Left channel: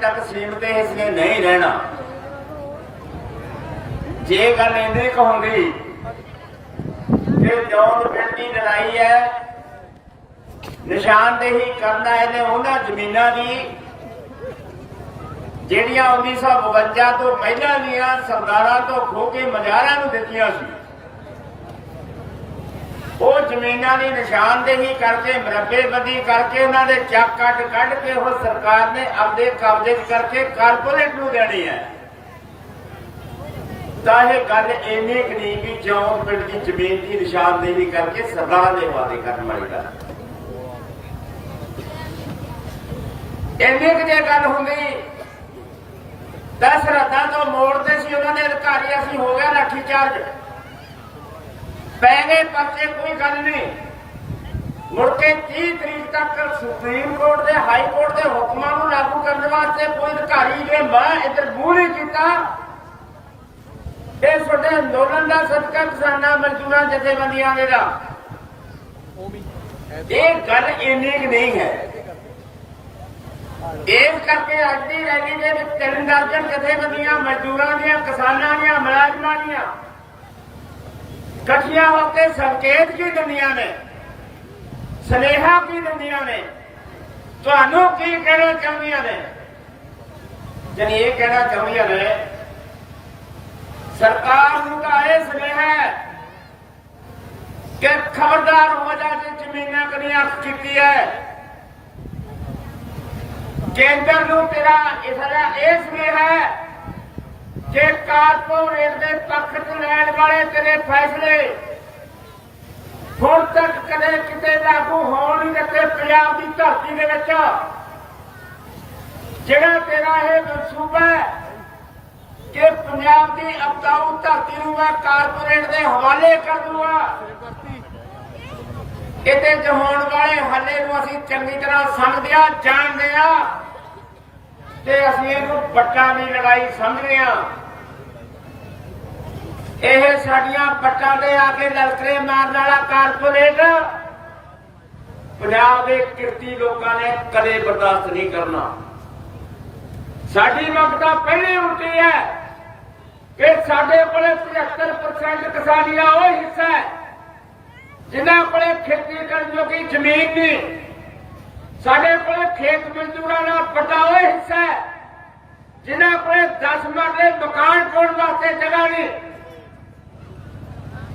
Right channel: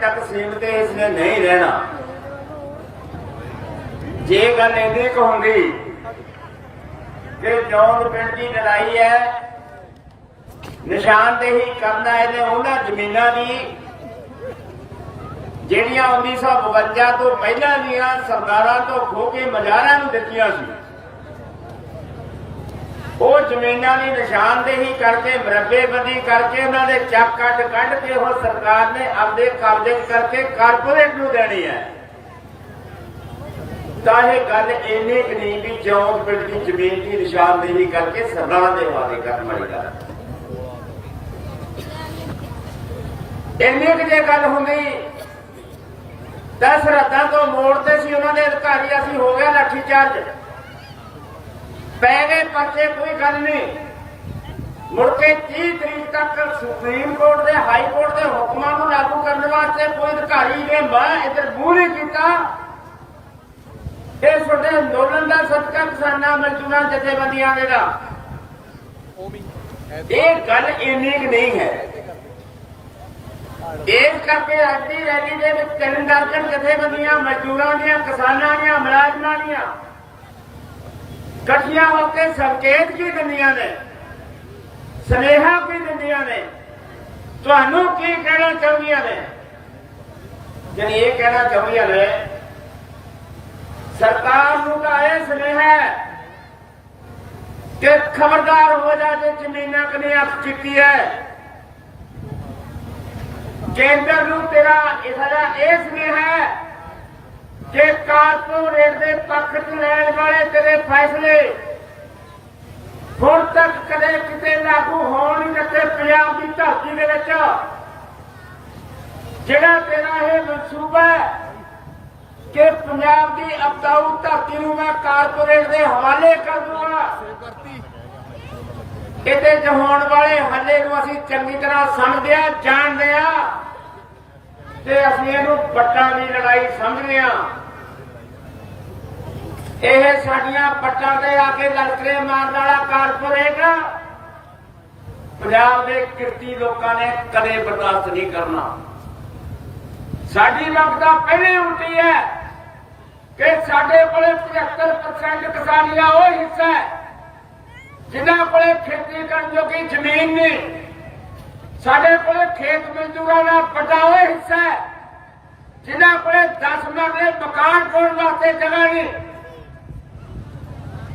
ਤੱਕ ਸੀਮਤ ਇਸ ਨੇ ਨਹੀਂ ਰਹਿਣਾ। ਜੇ ਗੱਲ ਇੰਨੀ ਕਹੂੰਗੀ ਕਿ ਜੌਨ ਪਿੰਡ ਦੀ ਲੜਾਈ ਹੈ, ਨਿਸ਼ਾਨਦੇਹੀ ਕਰਨਾ ਇਹਨੇ ਉਹਨਾਂ ਜ਼ਮੀਨਾਂ ਦੀ, ਜਿਹੜੀਆਂ 1952 ਤੋਂ ਪਹਿਲਾਂ ਦੀਆਂ ਸਰਦਾਰਾਂ ਤੋਂ ਖੋ ਕੇ ਮਜ਼ਾਰਾਂ ਨੂੰ ਦਿੱਤੀਆਂ ਸੀ। ਉਹ ਜ਼ਮੀਨਾਂ ਦੀ ਨਿਸ਼ਾਨਦੇਹੀ ਕਰਕੇ ਮਰੱਬੇਬੰਦੀ ਕਰਕੇ, ਉਹਨਾਂ ਦੇ ਚੱਕ ਕੱਟ ਕੱਢ ਕੇ ਉਹ ਸਰਕਾਰ ਨੇ ਆਪਦੇ ਕਬਜ਼ੇ 'ਚ ਕਰਕੇ ਕਾਰਪੋਰੇਟ ਨੂੰ ਦੇਣੀ ਹੈ ਤਾਂ ਇਹ ਗੱਲ ਇੰਨੀ ਕੁ ਨਹੀਂ ਵੀ ਜੌਨ ਪਿੰਡ ਦੀ ਜ਼ਮੀਨ ਦੀ ਨਿਸ਼ਾਨਦੇਹੀ ਕਰਕੇ ਸਰਦਾਰਾਂ ਦੇ ਹਵਾਲੇ ਕਰਨ ਵਾਲੀ ਗੱਲ ਇੰਨੀ ਕੁ ਜੇ ਗੱਲ ਹੁੰਦੀ ਦਸ ਰਾਤਾਂ ਤੋਂ ਮੋੜਦੇ ਸੀ ਉਹਨਾਂ ਦੇ ਅਧਿਕਾਰੀ ਅਸੀਂ ਹੋ ਗਿਆ ਲਾਠੀ ਚਾਰਜ। ਪੈ ਗਏ ਪਰਚੇ ਕੋਈ ਗੱਲ ਨਹੀਂ। ਮੁੜ ਕੇ 30 ਤਰੀਕ ਤੱਕ ਸੁਪਰੀਮ ਕੋਰਟ ਦੇ, ਹਾਈ ਕੋਰਟ ਦੇ ਹੁਕਮਾਂ ਨੂੰ ਲਾਗੂ ਕਰਨ ਵਾਸਤੇ ਕੋਈ ਅਧਿਕਾਰੀ ਨੇ ਮੈਂ ਇੱਧਰ ਮੂੰਹ ਨਹੀਂ ਕੀਤਾ। ਇਹ ਤੁਹਾਡੇ ਅੰਦੋਲਨ ਦਾ ਸਦਕਾ ਕਿਸਾਨਾਂ, ਮਜ਼ਦੂਰਾਂ, ਜਥੇਬੰਦੀਆਂ ਦੇ ਦਾ। ਇਹ ਗੱਲ ਇੰਨੀ ਕੁ ਨਹੀਂ ਹੈ। ਇਸ ਕਰਕੇ ਅੱਜ ਦੀ ਰੈਲੀ ਦੇ ਵਿੱਚ ਤਿੰਨ ਦਰਜਨ ਜਥੇਬੰਦੀਆਂ, ਮਜ਼ਦੂਰਾਂ ਦੀਆਂ, ਕਿਸਾਨਾਂ ਦੀਆਂ, ਮੁਲਾਜ਼ਮਾਂ ਦੀਆਂ ਇਕੱਠੀਆਂ ਹੋ ਕੇ ਸੰਕੇਤ ਕੀ ਦਿੰਦੀਆਂ ਨੇ, ਸਨੇਹਾ ਕੀ ਦਿੰਦੀਆਂ ਨੇ। ਤੁਹਾਨੂੰ ਕੀ ਕਹਿਣਾ ਚਾਹੁੰਦੀਆਂ ਨੇ? ਜਨ ਇਹ ਕਹਿਣਾ ਚਾਹੁੰਦੀਆਂ ਨੇ, ਸਰਕਾਰ ਨੂੰ ਤਾਂ ਇਹ ਸੁਨੇਹਾ ਹੈ ਕਿ ਖਬਰਦਾਰ ਹੋ ਜਾ ਜੇ ਜ਼ਮੀਨਾਂ ਕਨੀ ਕੀਤੀ ਹੈ। ਕੇਂਦਰ ਨੂੰ ਤੇਰਾ ਇਸਦਾ ਇਹ ਸੁਨੇਹਾ ਹੈ ਕਿ ਕਾਰਪੋਰੇਟ ਦੇ ਪੱਖ 'ਚ ਲੈਣ ਵਾਲੇ ਤੇਰੇ ਫੈਸਲੇ, ਹੁਣ ਤੱਕ ਕਦੇ ਕਿਤੇ ਲਾਗੂ ਹੋਣ ਨਹੀਂ ਦਿੱਤੇ ਪੰਜਾਬ ਦੀ ਧਰਤੀ ਦੇ ਵਿੱਚ। ਜਿਹੜਾ ਤੇਰਾ ਇਹ ਮਨਸੂਬਾ ਕਿ ਪੰਜਾਬ ਦੀ ਅਪਤਾਊ ਧਰਤੀ ਨੂੰ ਮੈਂ ਕਾਰਪੋਰੇਟ ਦੇ ਹਵਾਲੇ ਕਰ ਦੂੰਗਾ, ਇਹਦੇ ਚ ਹੋਣ ਵਾਲੇ ਹੱਲੇ ਨੂੰ ਅਸੀਂ ਚੰਗੀ ਤਰ੍ਹਾਂ ਸਮਝਦੇ ਆ ਜਾਣਦੇ ਆ ਤੇ ਅਸੀਂ ਇਹਨੂੰ ਵੱਟਾਂ ਦੀ ਲੜਾਈ ਸਮਝਦੇ ਆ ਇਹ ਸਾਡੀਆਂ ਪੱਟਾਂ ਤੇ ਆ ਕੇ ਲਲਕਰੇ ਮਾਰਨ ਵਾਲਾ ਕਾਰਪੋਰੇਟ ਪੰਜਾਬ ਦੇ ਕਿਰਤੀ ਲੋਕਾਂ ਨੇ ਕਦੇ ਬਰਦਾਸ਼ਤ ਨਹੀਂ ਕਰਨਾ। ਸਾਡੀ ਮੰਗ ਤਾਂ ਪਹਿਲੇ ਉਲਟੀ ਹੈ ਕਿ ਸਾਡੇ ਕੋਲੇ 75% ਕਿਸਾਨੀ ਦਾ ਉਹ ਹਿੱਸਾ ਹੈ, ਜਿਨ੍ਹਾਂ ਕੋਲੇ ਖੇਤੀ ਕਰਨ ਜੋਗੀ ਜ਼ਮੀਨ ਨਹੀਂ। ਸਾਡੇ ਕੋਲੇ ਖੇਤ ਮਜ਼ਦੂਰਾਂ ਦਾ ਵੱਡਾ ਉਹ ਹਿੱਸਾ ਹੈ, ਜਿਨ੍ਹਾਂ ਕੋਲੇ 10 ਮਰਲੇ ਮਕਾਨ ਪਾਉਣ ਵਾਸਤੇ ਜਗ੍ਹਾ ਨਹੀਂ।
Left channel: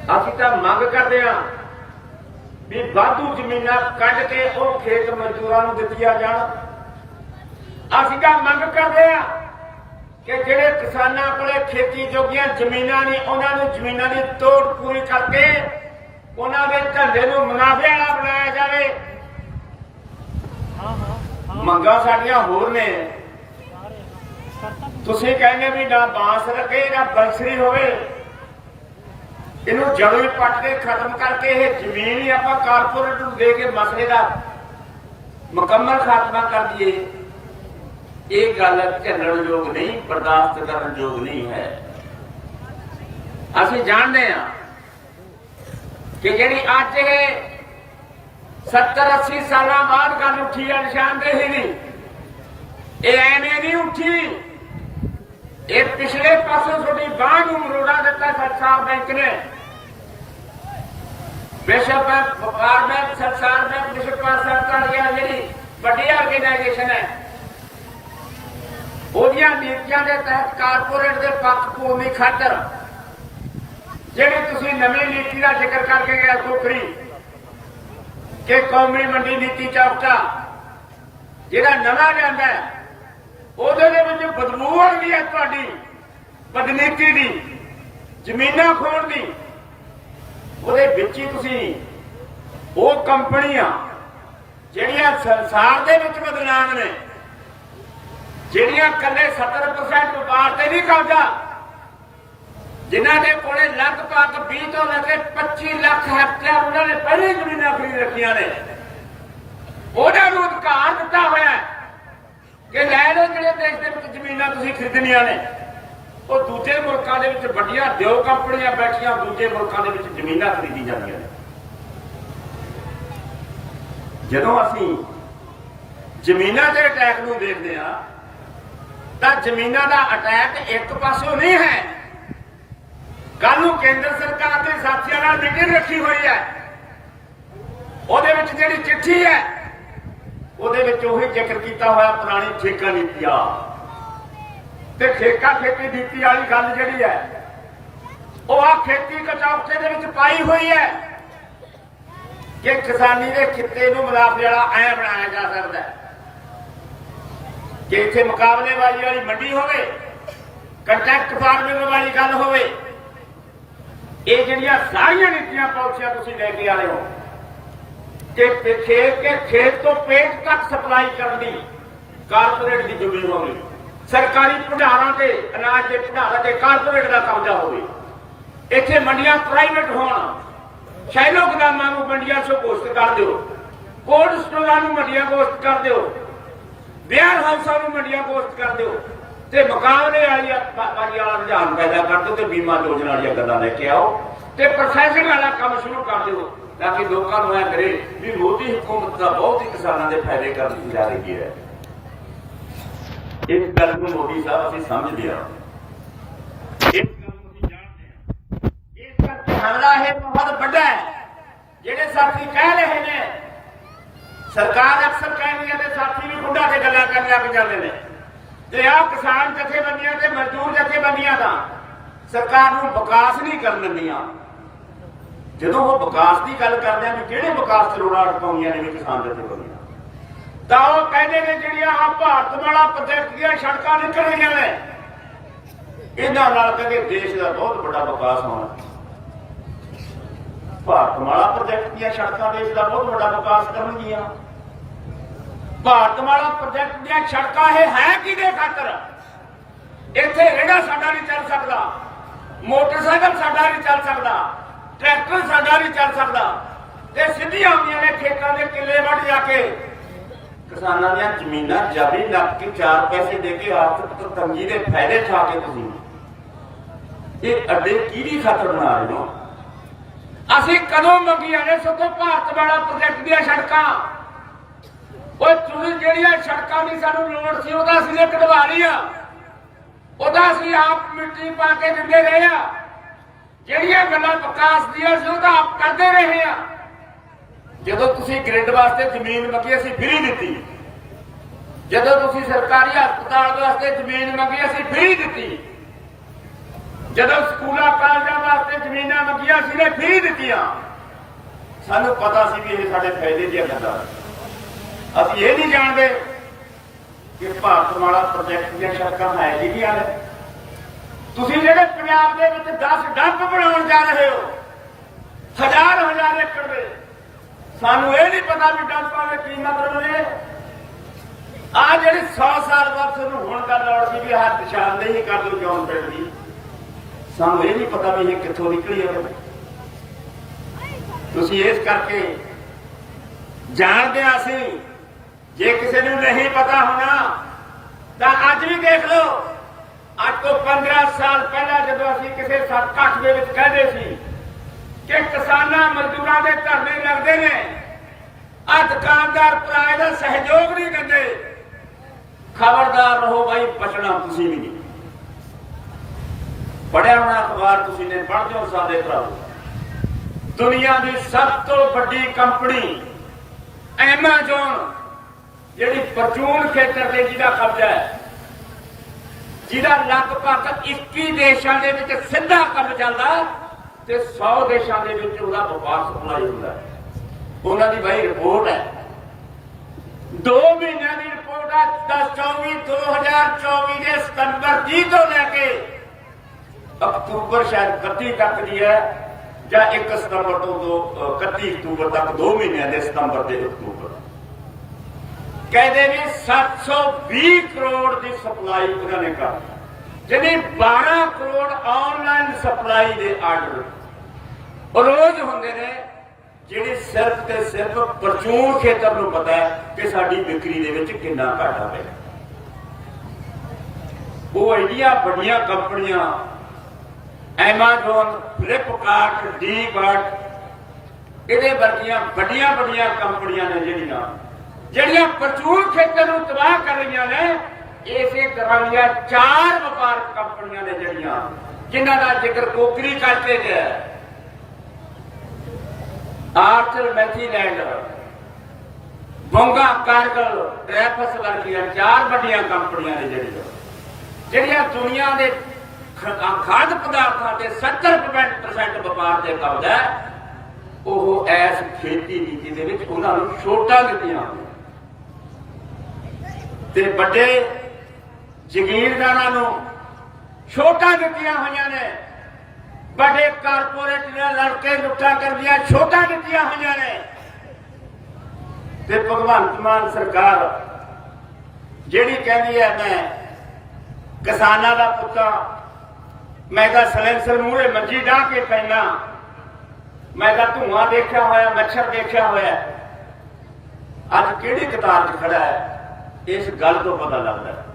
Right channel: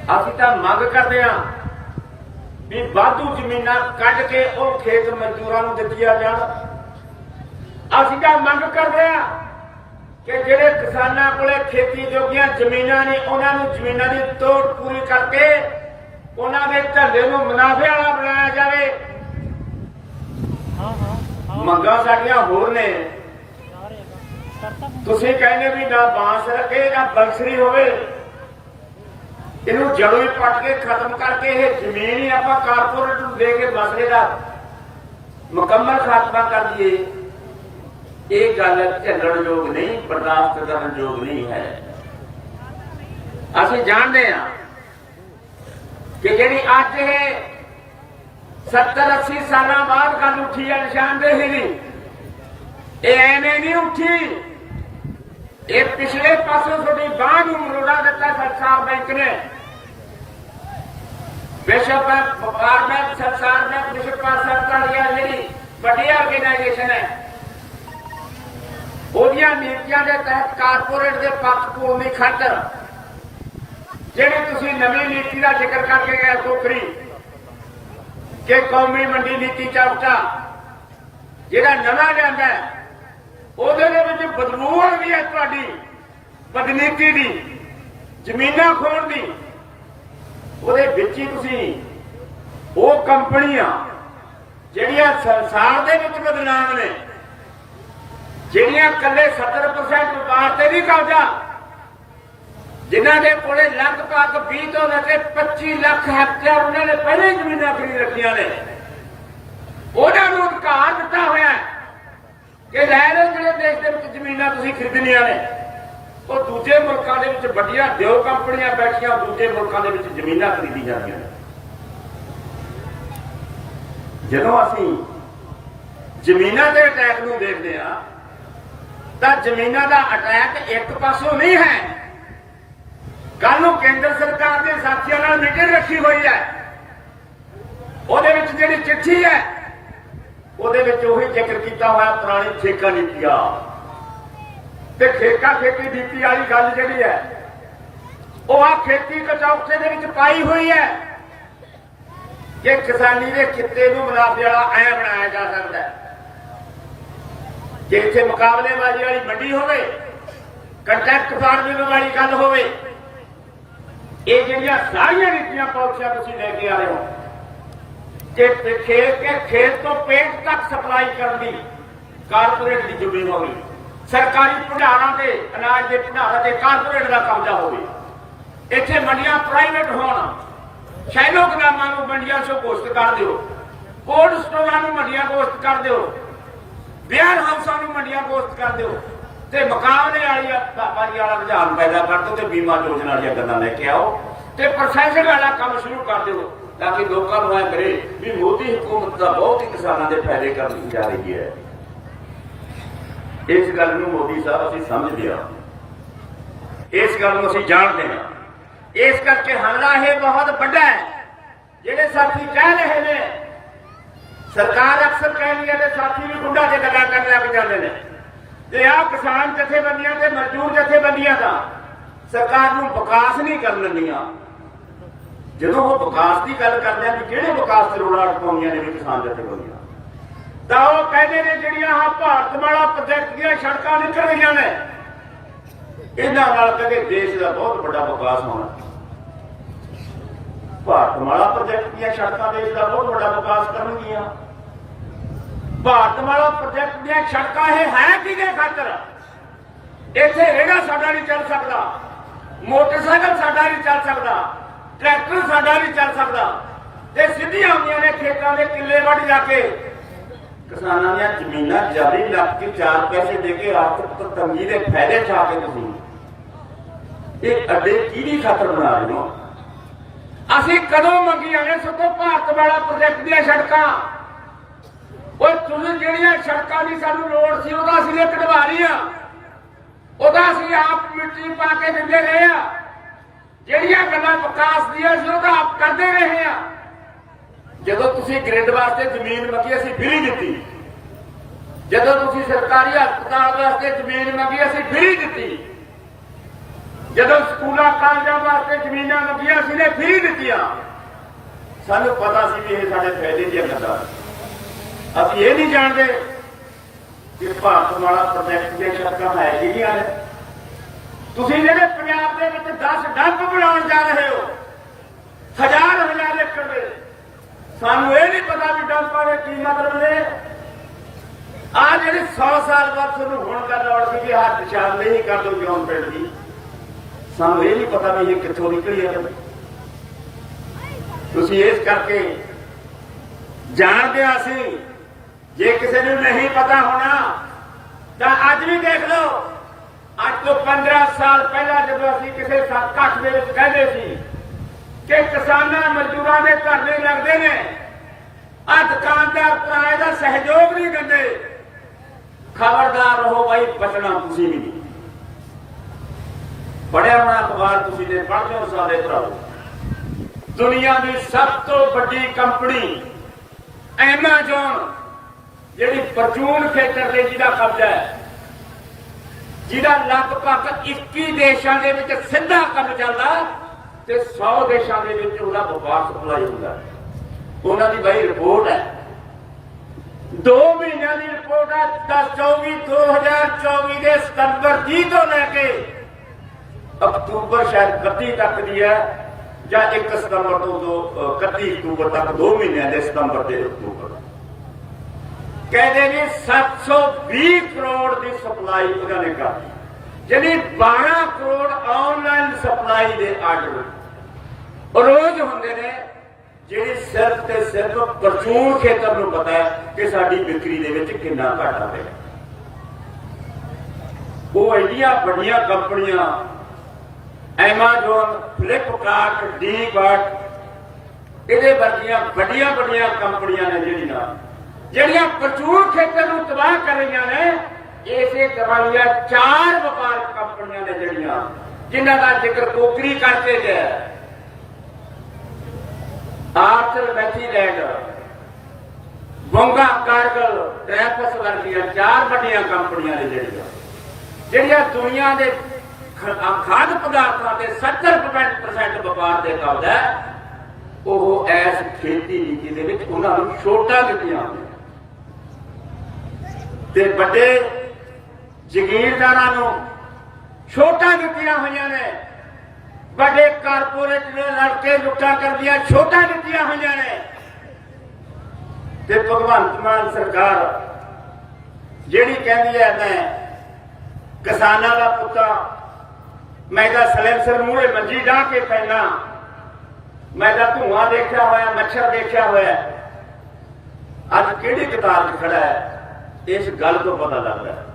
ਅਸੀਂ ਤਾਂ ਮੰਗ ਕਰਦੇ ਹਾਂ ਵੀ ਵਾਧੂ ਜ਼ਮੀਨਾਂ ਕੱਢ ਕੇ ਉਹ ਖੇਤ ਮਜ਼ਦੂਰਾਂ ਨੂੰ ਦਿੱਤੀਆਂ ਜਾਣ। ਅਸੀਂ ਤਾਂ ਮੰਗ ਕਰਦੇ ਹਾਂ ਕਿ ਜਿਹੜੇ ਕਿਸਾਨਾਂ ਕੋਲੇ ਖੇਤੀ ਜੋਗੀਆਂ ਜ਼ਮੀਨਾਂ ਨੇ, ਉਹਨਾਂ ਨੂੰ ਜ਼ਮੀਨਾਂ ਦੀ ਤੋੜ ਪੂਰੀ ਕਰਕੇ ਉਹਨਾਂ ਦੇ ਢੰਡੇ ਨੂੰ ਮੁਨਾਫੇ ਵਾਲਾ ਬਣਾਇਆ ਜਾਵੇ। ਮੰਗਾਂ ਸਾਡੀਆਂ ਹੋਰ ਨੇ। ਤੁਸੀਂ ਕਹਿੰਦੇ ਵੀ ਨਾ ਬਾਂਸ ਰੱਖੇ ਨਾ ਬੰਸਰੀ ਹੋਵੇ ਇਹਨੂੰ ਜੜੋਂ ਹੀ ਪੱਟ ਕੇ ਖਤਮ ਕਰਕੇ ਇਹ ਜ਼ਮੀਨ ਹੀ ਆਪਾਂ ਕਾਰਪੋਰੇਟ ਨੂੰ ਦੇ ਕੇ ਮਸਲੇ ਦਾ ਮੁਕੰਮਲ ਖਾਤਮਾ ਕਰ ਦਈਏ। ਇਹ ਗੱਲ ਝੱਲਣ ਯੋਗ ਨਹੀਂ, ਬਰਦਾਸ਼ਤ ਕਰਨ ਯੋਗ ਨਹੀਂ ਹੈ। ਅਸੀਂ ਜਾਣਦੇ ਹਾਂ ਕਿ ਜਿਹੜੀ ਅੱਜ ਇਹ 70 80 ਸਾਲਾਂ ਬਾਅਦ ਗੱਲ ਉੱਠੀ ਹੈ ਨਿਸ਼ਾਨਦੇਹੀ ਨਹੀਂ। ਇਹ ਐਵੇਂ ਨਹੀਂ ਉੱਠੀ। ਇਹ ਪਿਛਲੇ ਪਾਸੇ ਤੁਹਾਡੀ ਬਾਹ ਨੂੰ ਮਰੋੜਾ ਦਿੱਤਾ ਸਰਕਾਰ ਬੈਂਕ ਨੇ। ਵਿਸ਼ਵ ਬੈਂਕ ਵਪਾਰ ਬੈਂਕ ਸਰਕਾਰ ਬੈਂਕ ਵਿਸ਼ਵ ਪਾਸਾ ਕਰ ਜਿਹੜੀ ਵੱਡੀ ਆਰਗੇਨਾਈਜੇਸ਼ਨ ਹੈ। ਉਹਦੀਆਂ ਨੀਤੀਆਂ ਦੇ ਤਹਿਤ ਕਾਰਪੋਰੇਟ ਦੇ ਪੱਖ ਭੂਮੀ ਖਾਤਰ ਜਿਹੜੀ ਤੁਸੀਂ ਨਵੀਂ ਨੀਤੀ ਦਾ ਜ਼ਿਕਰ ਕਰਕੇ ਗਏ ਕੋਕਰੀ ਕਿ ਕੌਮੀ ਮੰਡੀ ਨੀਤੀ ਚਰਚਾ ਜਿਹੜਾ ਨਵਾਂ ਲਿਆਂਦਾ ਉਹਦੇ ਦੇ ਵਿੱਚ ਬਦਬੂ ਆਉਂਦੀ ਹੈ ਤੁਹਾਡੀ, ਬਦਨੀਤੀ ਦੀ, ਜ਼ਮੀਨਾਂ ਖੋਣ ਦੀ ਉਹਦੇ ਵਿੱਚ ਹੀ ਤੁਸੀਂ ਉਹ ਕੰਪਨੀਆਂ ਜਿਹੜੀਆਂ ਸੰਸਾਰ ਦੇ ਵਿੱਚ ਬਦਨਾਮ ਨੇ, ਜਿਹੜੀਆਂ ਕੱਲੇ 70% ਵਪਾਰ ਤੇ ਵੀ ਕਬਜ਼ਾ ਜਿਨ੍ਹਾਂ ਦੇ ਕੋਲੇ ਲਗਭਗ 20 ਤੋਂ ਲੈ ਕੇ 25 ਲੱਖ ਹੈਕਟੇਅਰ ਉਹਨਾਂ ਨੇ ਪਹਿਲਾਂ ਹੀ ਜ਼ਮੀਨਾਂ ਖਰੀਦ ਰੱਖੀਆਂ ਨੇ। ਉਹਨਾਂ ਨੂੰ ਅਧਿਕਾਰ ਦਿੱਤਾ ਹੋਇਆ ਕਿ ਲੈ ਲਓ ਜਿਹੜੇ ਦੇਸ਼ ਦੇ ਵਿੱਚ ਜ਼ਮੀਨਾਂ ਤੁਸੀਂ ਖਰੀਦਣੀਆਂ ਨੇ। ਉਹ ਦੂਜੇ ਮੁਲਕਾਂ ਦੇ ਵਿੱਚ ਵੱਡੀਆਂ ਦਿਓ ਕੰਪਨੀਆਂ ਬੈਠੀਆਂ, ਦੂਜੇ ਮੁਲਕਾਂ ਦੇ ਵਿੱਚ ਜ਼ਮੀਨਾਂ ਖਰੀਦੀ ਜਾਂਦੀਆਂ ਨੇ। ਜਦੋਂ ਅਸੀਂ ਜ਼ਮੀਨਾਂ ਦੇ ਅਟੈਕ ਨੂੰ ਦੇਖਦੇ ਆ ਤਾਂ ਜ਼ਮੀਨਾਂ ਦਾ ਅਟੈਕ ਇੱਕ ਪਾਸੋਂ ਨਹੀਂ ਹੈ। ਕੱਲ ਨੂੰ ਕੇਂਦਰ ਸਰਕਾਰ ਦੇ ਸਾਥੀਆਂ ਨਾਲ ਮੀਟਿੰਗ ਰੱਖੀ ਹੋਈ ਹੈ। ਉਹਦੇ ਵਿੱਚ ਜਿਹੜੀ ਚਿੱਠੀ ਹੈ, ਉਹਦੇ ਵਿੱਚ ਉਹੀ ਜ਼ਿਕਰ ਕੀਤਾ ਹੋਇਆ ਪੁਰਾਣੀ ਠੇਕਾ ਨੀਤੀ ਆ ਤੇ ਠੇਕਾ ਖੇਤੀ ਨੀਤੀ ਵਾਲੀ ਗੱਲ ਜਿਹੜੀ ਹੈ, ਉਹ ਆ ਖੇਤੀ ਕਚੌਕਟੇ ਦੇ ਵਿੱਚ ਪਾਈ ਹੋਈ ਹੈ। ਕਿ ਕਿਸਾਨੀ ਦੇ ਕਿੱਤੇ ਨੂੰ ਮੁਨਾਫੇ ਵਾਲਾ ਐ ਬਣਾਇਆ ਜਾ ਸਕਦਾ ਹੈ। ਕਿ ਇੱਥੇ ਮੁਕਾਬਲੇਬਾਜ਼ੀ ਵਾਲੀ ਮੰਡੀ ਹੋਵੇ ਕੰਟਰੈਕਟ ਫਾਰਮਿੰਗ ਵਾਲੀ ਗੱਲ ਹੋਵੇ, ਇਹ ਜਿਹੜੀਆਂ ਸਾਰੀਆਂ ਨੀਤੀਆਂ ਪਾਲਿਸੀਆਂ ਤੁਸੀਂ ਲੈ ਕੇ ਆਏ ਹੋ ਕਿ ਖੇਤ ਕੇ ਖੇਤ ਤੋਂ ਪੇਟ ਤੱਕ ਸਪਲਾਈ ਕਰਨ ਦੀ ਕਾਰਪੋਰੇਟ ਦੀ ਜ਼ਿੰਮੇਵਾਰੀ। ਸਰਕਾਰੀ ਭੰਡਾਰਾਂ ਤੇ ਅਨਾਜ ਦੇ ਭੰਡਾਰਾਂ ਤੇ ਕਾਰਪੋਰੇਟ ਦਾ ਕਬਜ਼ਾ ਹੋਵੇ। ਇੱਥੇ ਮੰਡੀਆਂ ਪ੍ਰਾਈਵੇਟ ਹੋਣ ਸ਼ੈਲੋ ਗਦਾਮਾਂ ਨੂੰ ਮੰਡੀਆਂ ਚੋਂ ਘੋਸ਼ਿਤ ਕਰ ਦਿਓ ਕੋਲਡ ਸਟੋਰਾਂ ਨੂੰ ਮੰਡੀਆਂ ਘੋਸ਼ਿਤ ਕਰ ਦਿਓ ਵੇਅਰ ਹਾਊਸਾਂ ਨੂੰ ਮੰਡੀਆਂ ਘੋਸ਼ਿਤ ਕਰ ਦਿਓ, ਤੇ ਮੁਕਾਬਲੇ ਵਾਲੀ ਬਾਜੀ ਵਾਲਾ ਰੁਝਾਨ ਪੈਦਾ ਕਰ ਦਿਓ ਤੇ ਬੀਮਾ ਯੋਜਨਾ ਵਾਲੀਆਂ ਗੱਲਾਂ ਲੈ ਕੇ ਆਓ, ਤੇ ਪ੍ਰੋਸੈਸਿੰਗ ਵਾਲਾ ਕੰਮ ਸ਼ੁਰੂ ਕਰ ਦਿਓ, ਤਾਂ ਕਿ ਲੋਕਾਂ ਨੂੰ ਇਹ ਕਰੇ ਵੀ ਮੋਦੀ ਹਕੂਮਤ ਦਾ ਬਹੁਤ ਹੀ ਕਿਸਾਨਾਂ ਦੇ ਫਾਇਦੇ ਕਰਦੀ ਜਾ ਰਹੀ ਹੈ। ਇਸ ਗੱਲ ਨੂੰ ਮੋਦੀ ਸਾਹਿਬ ਅਸੀਂ ਸਮਝਦੇ ਹਾਂ। ਇਸ ਗੱਲ ਨੂੰ ਅਸੀਂ ਜਾਣਦੇ ਹਾਂ। ਇਸ ਕਰਕੇ ਹਮਲਾ ਇਹ ਬਹੁਤ ਵੱਡਾ ਹੈ। ਜਿਹੜੇ ਸਾਥੀ ਕਹਿ ਰਹੇ ਨੇ, ਸਰਕਾਰ ਅਕਸਰ ਕਹਿੰਦੀ ਹੈ ਤੇ ਸਾਥੀ ਵੀ ਗੁੰਡਾ ਕੇ ਗੱਲਾਂ ਕਰਨ ਲੱਗ ਜਾਂਦੇ ਨੇ। ਤੇ ਆਹ ਕਿਸਾਨ ਜਥੇਬੰਦੀਆਂ ਤੇ ਮਜ਼ਦੂਰ ਜਥੇਬੰਦੀਆਂ ਦਾ ਸਰਕਾਰ ਨੂੰ ਵਿਕਾਸ ਨਹੀਂ ਕਰਨ ਦਿੰਦੀਆਂ, ਜਦੋਂ ਉਹ ਵਿਕਾਸ ਦੀ ਗੱਲ ਕਰਦੇ ਆ ਵੀ ਕਿਹੜੇ ਵਿਕਾਸ ਜ਼ਰੂਰਾਂ ਪਾਉਂਦੀਆਂ ਨੇ ਕਿਸਾਨ ਜਥੇਬੰਦੀਆਂ? ਤਾਂ ਉਹ ਕਹਿੰਦੇ ਨੇ ਜਿਹੜੀਆਂ ਭਾਰਤ ਵਾਲਾ ਪ੍ਰੋਜੈਕਟ ਦੀਆਂ ਸੜਕਾਂ ਨਿਕਲ ਰਹੀਆਂ ਨੇ। ਇਹਨਾਂ ਨਾਲ ਕਦੇ ਦੇਸ਼ ਦਾ ਬਹੁਤ ਵੱਡਾ ਵਿਕਾਸ ਹੋਣਾ। ਭਾਰਤਮਾਲਾ ਪ੍ਰੋਜੈਕਟ ਦੀਆਂ ਸੜਕਾਂ ਦੇਸ਼ ਦਾ ਬਹੁਤ ਵੱਡਾ ਵਿਕਾਸ ਕਰਨਗੀਆਂ। ਭਾਰਤਮਾਲਾ ਪ੍ਰੋਜੈਕਟ ਦੀਆਂ ਸੜਕਾਂ ਇਹ ਹੈ ਕਿਹਦੇ ਖਾਤਰ? ਇੱਥੇ ਰੇੜਾ ਸਾਡਾ ਨਹੀਂ ਚੱਲ ਸਕਦਾ। ਮੋਟਰਸਾਈਕਲ ਸਾਡਾ ਨਹੀਂ ਚੱਲ ਸਕਦਾ। ਟਰੈਕਟਰ ਸਾਡਾ ਨਹੀਂ ਚੱਲ ਸਕਦਾ। ਤੇ ਸਿੱਧੀਆਂ ਆਉਂਦੀਆਂ ਨੇ ਖੇਤਾਂ ਦੇ ਕਿੱਲੇ ਵੱਢ ਜਾ ਕੇ। ਕਿਸਾਨਾਂ ਦੀਆਂ ਜ਼ਮੀਨਾਂ ਜਾਰੀ ਨੱਪ ਕੇ 4 ਪੈਸੇ ਦੇ ਕੇ ਆਰਥਿਕ ਤੰਗੀ ਦੇ ਫਾਇਦੇ ਠਾ ਕੇ ਤੁਸੀਂ ਇਹ ਅੱਡੇ ਕਿਹਦੀ ਖਾਤਰ ਬਣਾ ਰਹੇ ਹੋ? ਅਸੀਂ ਕਦੋਂ ਮੰਗੀਆਂ ਨੇ ਸੋ? ਭਾਰਤ ਵਾਲਾ ਪ੍ਰੋਜੈਕਟ ਦੀਆਂ ਸੜਕਾਂ। ਓਏ, ਤੁਸੀਂ ਜਿਹੜੀਆਂ ਸੜਕਾਂ ਦੀ ਸਾਨੂੰ ਲੋੜ ਸੀ, ਉਹਦਾ ਅਸੀਂ ਨੇ ਕਢਵਾ ਲਈਆਂ ਉਹਦਾ ਅਸੀਂ ਆਪ ਮਿੱਟੀ ਪਾ ਕੇ ਦਿੰਦੇ ਰਹੇ ਆ ਜਿਹੜੀਆਂ ਗੱਲਾਂ ਵਿਕਾਸ ਦੀਆਂ ਸੀ, ਉਹਦਾ ਆਪ ਕਰਦੇ ਰਹੇ ਆ ਜਦੋਂ ਤੁਸੀਂ ਗ੍ਰਿਡ ਵਾਸਤੇ ਜ਼ਮੀਨ ਮੰਗੀ, ਅਸੀਂ ਫ੍ਰੀ ਦਿੱਤੀ। ਜਦੋਂ ਤੁਸੀਂ ਸਰਕਾਰੀ ਹਸਪਤਾਲ ਵਾਸਤੇ ਜ਼ਮੀਨ ਮੰਗੀ, ਅਸੀਂ ਫ੍ਰੀ ਦਿੱਤੀ। ਜਦੋਂ ਸਕੂਲਾਂ, ਕਾਲਜਾਂ ਵਾਸਤੇ ਜ਼ਮੀਨਾਂ ਮੰਗੀਆਂ, ਅਸੀਂ ਨੇ ਫ੍ਰੀ ਦਿੱਤੀਆਂ। ਸਾਨੂੰ ਪਤਾ ਸੀ ਵੀ ਇਹ ਸਾਡੇ ਫਾਇਦੇ ਦੀਆਂ ਗੱਲਾਂ ਅਸੀਂ ਇਹ ਨਹੀਂ ਜਾਣਦੇ ਕਿ ਭਾਰਤ ਵਾਲਾ ਪ੍ਰੋਜੈਕਟ ਦੀਆਂ ਸ਼ਰਤਾਂ ਹੈ ਜਿਹੜੀਆਂ ਨੇ ਤੁਸੀਂ ਜਿਹੜੇ ਪੰਜਾਬ ਦੇ ਵਿੱਚ 10 ਡੰਪ ਬਣਾਉਣ ਜਾ ਰਹੇ ਹੋ ਹਜ਼ਾਰ ਹਜ਼ਾਰ ਏਕੜ ਦੇ ਸਾਨੂੰ ਇਹ ਨਹੀਂ ਪਤਾ ਵੀ ਡੰਪਾਂ ਦੇ ਕੀ ਮਤਲਬ ਨੇ। ਆ ਜਿਹੜੀ 100 ਸਾਲ ਬਾਅਦ ਤੁਹਾਨੂੰ ਹੁਣ ਗੱਲ ਆਉਣ ਸੀ ਵੀ ਆਹ ਨਿਸ਼ਾਨਦੇਹੀ ਕਰ ਦਿਓ ਜੌਨ ਪਿੰਡ ਦੀ। ਸਾਨੂੰ ਇਹ ਨਹੀਂ ਪਤਾ ਵੀ ਇਹ ਕਿੱਥੋਂ ਨਿਕਲੀ ਹੈ ਤੁਸੀਂ ਇਸ ਕਰਕੇ ਜਾਣਦੇ ਹਾਂ ਅਸੀਂ, ਜੇ ਕਿਸੇ ਨੂੰ ਨਹੀਂ ਪਤਾ ਹੋਣਾ, ਤਾਂ ਅੱਜ ਵੀ ਦੇਖ ਲਓ। ਅੱਜ ਤੋਂ 15 ਸਾਲ ਪਹਿਲਾਂ ਜਦੋਂ ਅਸੀਂ ਕਿਸੇ ਸਰਕਟ ਦੇ ਵਿੱਚ ਕਹਿੰਦੇ ਸੀ ਕਿ ਕਿਸਾਨਾਂ ਮਜ਼ਦੂਰਾਂ ਦੇ ਧਰਨੇ ਲੱਗਦੇ ਨੇ। ਆ ਦੁਕਾਨਦਾਰ ਭਰਾ ਦਾ ਸਹਿਯੋਗ ਨਹੀਂ ਦਿੰਦੇ। ਖਬਰਦਾਰ ਰਹੋ ਬਾਈ, ਬਚਣਾ ਤੁਸੀਂ ਵੀ ਨਹੀਂ। ਪੜਿਆ ਹੋਣਾ ਅਖਬਾਰ ਤੁਸੀਂ ਨੇ ਪੜ੍ਹਦੇ ਹੋ ਸਾਡੇ ਭਰਾਵੋ। ਦੁਨੀਆ ਦੀ ਸਭ ਤੋਂ ਵੱਡੀ ਕੰਪਨੀ ਐਮਾਜ਼ਨ, ਜਿਹੜੀ ਪਰਚੂਨ ਖੇਤਰ ਦੇ ਜਿਹਦਾ ਕਬਜ਼ਾ ਹੈ। ਜਿਹਦਾ ਲਗਭਗ 21 ਦੇਸ਼ਾਂ ਦੇ ਵਿੱਚ ਸਿੱਧਾ ਕੰਮ ਚੱਲਦਾ। ਤੇ 100 ਦੇਸ਼ਾਂ ਦੇ ਵਿੱਚ ਉਹਦਾ ਵਪਾਰ ਸਪਲਾਈ ਹੁੰਦਾ ਉਹਨਾਂ ਦੀ ਬਈ ਰਿਪੋਰਟ ਹੈ। 2 ਮਹੀਨਿਆਂ ਦੀ ਰਿਪੋਰਟ ਹੈ 10 24 2024 ਦੇ ਸਤੰਬਰ 30 ਤੋਂ ਲੈ ਕੇ ਅਕਤੂਬਰ ਸ਼ਾਇਦ 31 ਤੱਕ ਦੀ ਹੈ, ਜਾਂ 1 ਸਤੰਬਰ ਤੋਂ ਦੋ 31 ਅਕਤੂਬਰ ਤੱਕ 2 ਮਹੀਨਿਆਂ ਦੇ ਸਤੰਬਰ ਦੇ ਅਕਤੂਬਰ। ਕਹਿੰਦੇ ਨੇ 720 ਕਰੋੜ ਦੀ ਸਪਲਾਈ ਉਹਨਾਂ ਨੇ ਕਰ ਜਿਹਨੇ 12 ਕਰੋੜ ਆਨਲਾਈਨ ਸਪਲਾਈ ਦੇ ਆਰਡਰ ਰੋਜ਼ ਹੁੰਦੇ ਨੇ, ਜਿਹੜੀ ਸਿਰਫ ਤੇ ਸਿਰਫ ਪਰਚੂਨ ਖੇਤਰ ਨੂੰ ਪਤਾ ਹੈ ਕਿ ਸਾਡੀ ਵਿਕਰੀ ਦੇ ਵਿੱਚ ਕਿੰਨਾ ਘਾਟਾ ਪਿਆ ਉਹ ਐਡੀਆਂ ਵੱਡੀਆਂ ਕੰਪਨੀਆਂ ਐਮਾਜ਼ਨ ਫਲਿੱਪਕਾਰਟ ਡੀਬਾਟ ਇਹਦੇ ਵਰਗੀਆਂ ਵੱਡੀਆਂ ਵੱਡੀਆਂ ਕੰਪਨੀਆਂ ਨੇ ਜਿਹੜੀਆਂ ਜਿਹੜੀਆਂ ਪ੍ਰਚੂਰ ਖੇਤਰ ਨੂੰ ਤਬਾਹ ਕਰ ਰਹੀਆਂ ਨੇ ਇਸੇ ਤਰ੍ਹਾਂ ਦੀਆਂ ਚਾਰ ਵਪਾਰਕ ਕੰਪਨੀਆਂ ਨੇ ਜਿਹੜੀਆਂ, ਜਿਨ੍ਹਾਂ ਦਾ ਜ਼ਿਕਰ ਕੋਕਰੀ ਕਰਕੇ ਗਿਆ ਹੈ। ਮੈਥੀਲੈਂਡ ਬੰਗਾ ਕਾਰਗਲ ਟ੍ਰੈਫਸ ਵਰਗੀਆਂ ਚਾਰ ਵੱਡੀਆਂ ਕੰਪਨੀਆਂ ਨੇ ਜਿਹੜੀਆਂ। ਜਿਹੜੀਆਂ ਦੁਨੀਆ ਦੇ ਖਾਦ ਪਦਾਰਥਾਂ ਤੇ 70% ਵਪਾਰ ਦੇ ਕਬਜ਼ਾ ਹੈ। ਉਹ ਐਸ ਖੇਤੀ ਨੀਤੀ ਦੇ ਵਿੱਚ ਉਹਨਾਂ ਨੂੰ ਛੋਟਾਂ ਦਿੱਤੀਆਂ ਤੇ ਵੱਡੇ ਜ਼ਗੀਰਦਾਰਾਂ ਨੂੰ ਛੋਟਾਂ ਦਿੱਤੀਆਂ ਹੋਈਆਂ ਨੇ। ਵੱਡੇ ਕਾਰਪੋਰੇਟ ਨਾਲ ਲੜ ਲੁੱਟਾਂ ਕਰਦੀਆਂ ਛੋਟਾਂ ਦਿੱਤੀਆਂ ਹੋਈਆਂ ਨੇ। ਤੇ ਭਗਵੰਤ ਮਾਨ ਸਰਕਾਰ ਜਿਹੜੀ ਕਹਿੰਦੀ ਹੈ, ਮੈਂ ਕਿਸਾਨਾਂ ਦਾ ਪੁੱਤਾ, ਮੈਂ ਤਾਂ ਸਲੈਂਸਰ ਮੂਹਰੇ ਮੰਜੀ ਢਾ ਕੇ ਪੈਣਾ ਮੈਂ ਤਾਂ ਧੂਆਂ ਦੇਖਿਆ ਹੋਇਆ, ਮੱਛਰ ਦੇਖਿਆ ਹੋਇਆ। ਅੱਜ ਕਿਹੜੀ ਕਤਾਰ 'ਚ ਖੜਾ ਹੈ? ਇਸ ਗੱਲ ਤੋਂ ਪਤਾ ਲੱਗਦਾ ਹੈ।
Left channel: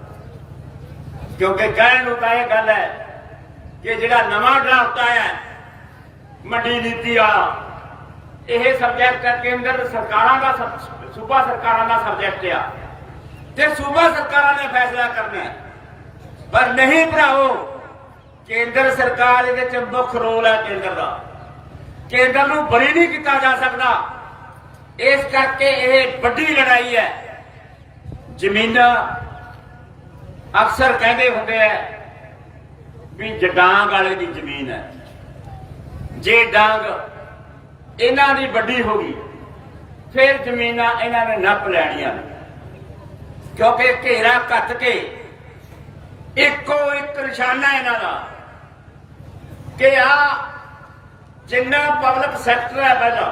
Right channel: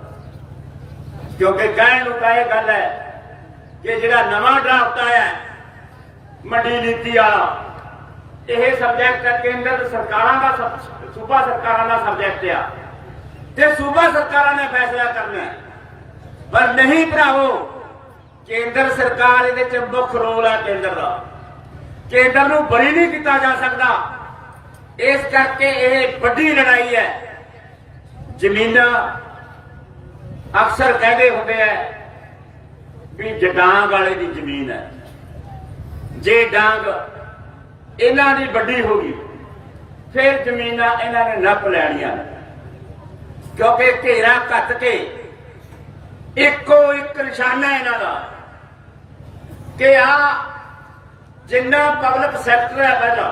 ਕਿਉਂਕਿ ਕਹਿਣ ਨੂੰ ਤਾਂ ਇਹ ਗੱਲ ਹੈ ਕਿ ਜਿਹੜਾ ਨਵਾਂ ਡਰਾਫਟ ਆਇਆ ਮੰਡੀ ਨੀਤੀ ਆ, ਇਹ ਸਬਜੈਕਟ ਕੇਂਦਰ ਸਰਕਾਰਾਂ ਦਾ ਸੂਬਾ ਸਰਕਾਰਾਂ ਦਾ ਸਬਜੈਕਟ ਆ। ਤੇ ਸੂਬਾ ਸਰਕਾਰਾਂ ਨੇ ਫੈਸਲਾ ਕਰਨਾ ਪਰ ਨਹੀਂ ਭਰਾਓ ਕੇਂਦਰ ਸਰਕਾਰ ਇਹਦੇ ਚ ਮੁੱਖ ਰੋਲ ਹੈ ਕੇਂਦਰ ਦਾ। ਕੇਂਦਰ ਨੂੰ ਬਰੀ ਨਹੀਂ ਕੀਤਾ ਜਾ ਸਕਦਾ। ਇਸ ਕਰਕੇ ਇਹ ਵੱਡੀ ਲੜਾਈ ਹੈ। ਜ਼ਮੀਨਾਂ ਅਕਸਰ ਕਹਿੰਦੇ ਹੁੰਦੇ ਆ ਵੀ ਜਡਾਂਗ ਵਾਲੇ ਦੀ ਜ਼ਮੀਨ ਹੈ, ਜੇ ਡਾਂਗ ਇਹਨਾਂ ਦੀ ਵੱਡੀ ਹੋ ਗਈ, ਫਿਰ ਜ਼ਮੀਨਾਂ ਇਹਨਾਂ ਨੇ ਨੱਪ ਲੈਣੀਆਂ। ਕਿਉਂਕਿ ਘੇਰਾ ਕੱਟ ਕੇ ਇੱਕੋ ਇੱਕ ਨਿਸ਼ਾਨਾ ਇਹਨਾਂ ਦਾ ਕਿ ਆ ਜਿੰਨਾ ਪਬਲਿਕ ਸੈਕਟਰ ਹੈ ਪਹਿਲਾਂ,